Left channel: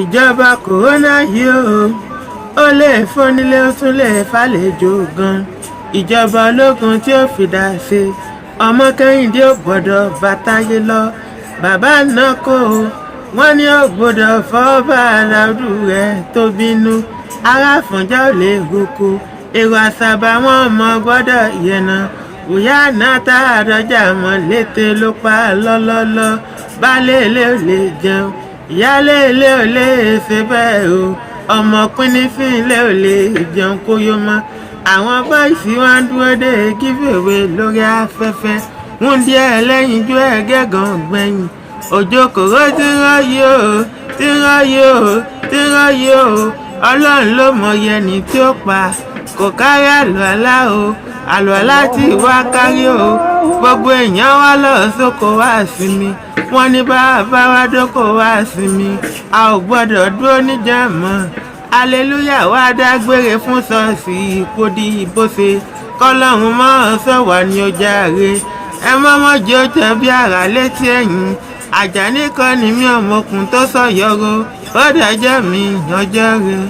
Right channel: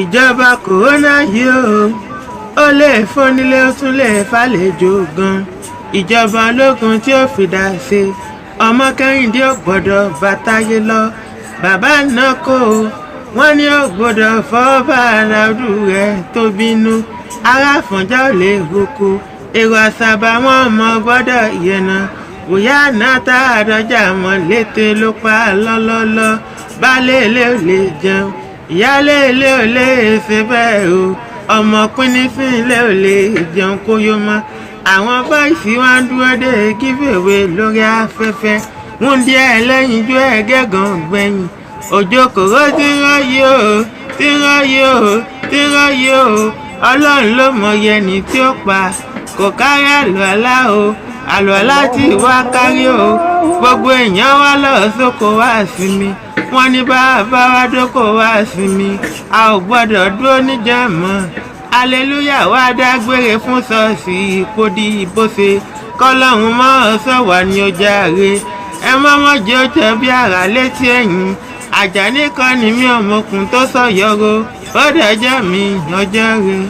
ìjọba kòrónà yìí ó lè fónílé ó tún lè fàlejò gan. ìjọba ológun tí ó fìdá ṣe ọmọ Kẹ́hìndé ò gbọ́dọ̀ bàtáyé lọ. bàbá náà kò wọ́n ní ò gbọ́dọ̀ fọ́ bàrà ọdún rẹ̀ tó bínú. ará Àfọ̀njá ò lè roko èrò Àsàbà wọn mọ gbọ́dọ̀ yẹnà. bóyá náà tá àdọ́jà mọ́ létè ló pa lọ́lọ́lọ́. baálé ilé ò lè jẹun ìyálé ilé ò lè ṣe bẹ́ẹ̀ o. ọmọ pínísìn ilé ò lè jẹun kó yó mọ́. àwọn bọ́ìsì wọn dúró dé giveaway lórí afẹ́fẹ́. wúndí ẹlẹ́yinjú ẹ̀gẹ́gàn gbẹ̀yìn. òjò kòró tí ń rọ́yí o tí ń rọ́yí o tí ń rọ́yí o. ọlọ́run ló mọyì ẹni tí ó pa. kò kárí àlùalá o àlùalá tí wá kárí o. gbogbo èèyàn wá lọ sóko wá sinmi. wọ́n ní bàbá wa dóko wá sinmi. a ò gbọ́dọ̀ dúró níjẹ̀mọ́. aleluya wá dágbére fún ṣọ́ọ̀ṣì ìpòdì ìbòsè. kọ́lọ́hún mọ́ sọ̀wá ní ọjà rẹ̀. ẹ mọ́mọ́ jẹ́ ó tẹ̀ bí àrà létí ẹ̀yìn. Àjàní kan ní mi ọmọkùn tó sọ̀yọ́rọ́. ó dẹjọ́ mi ọjọ́ rẹ̀.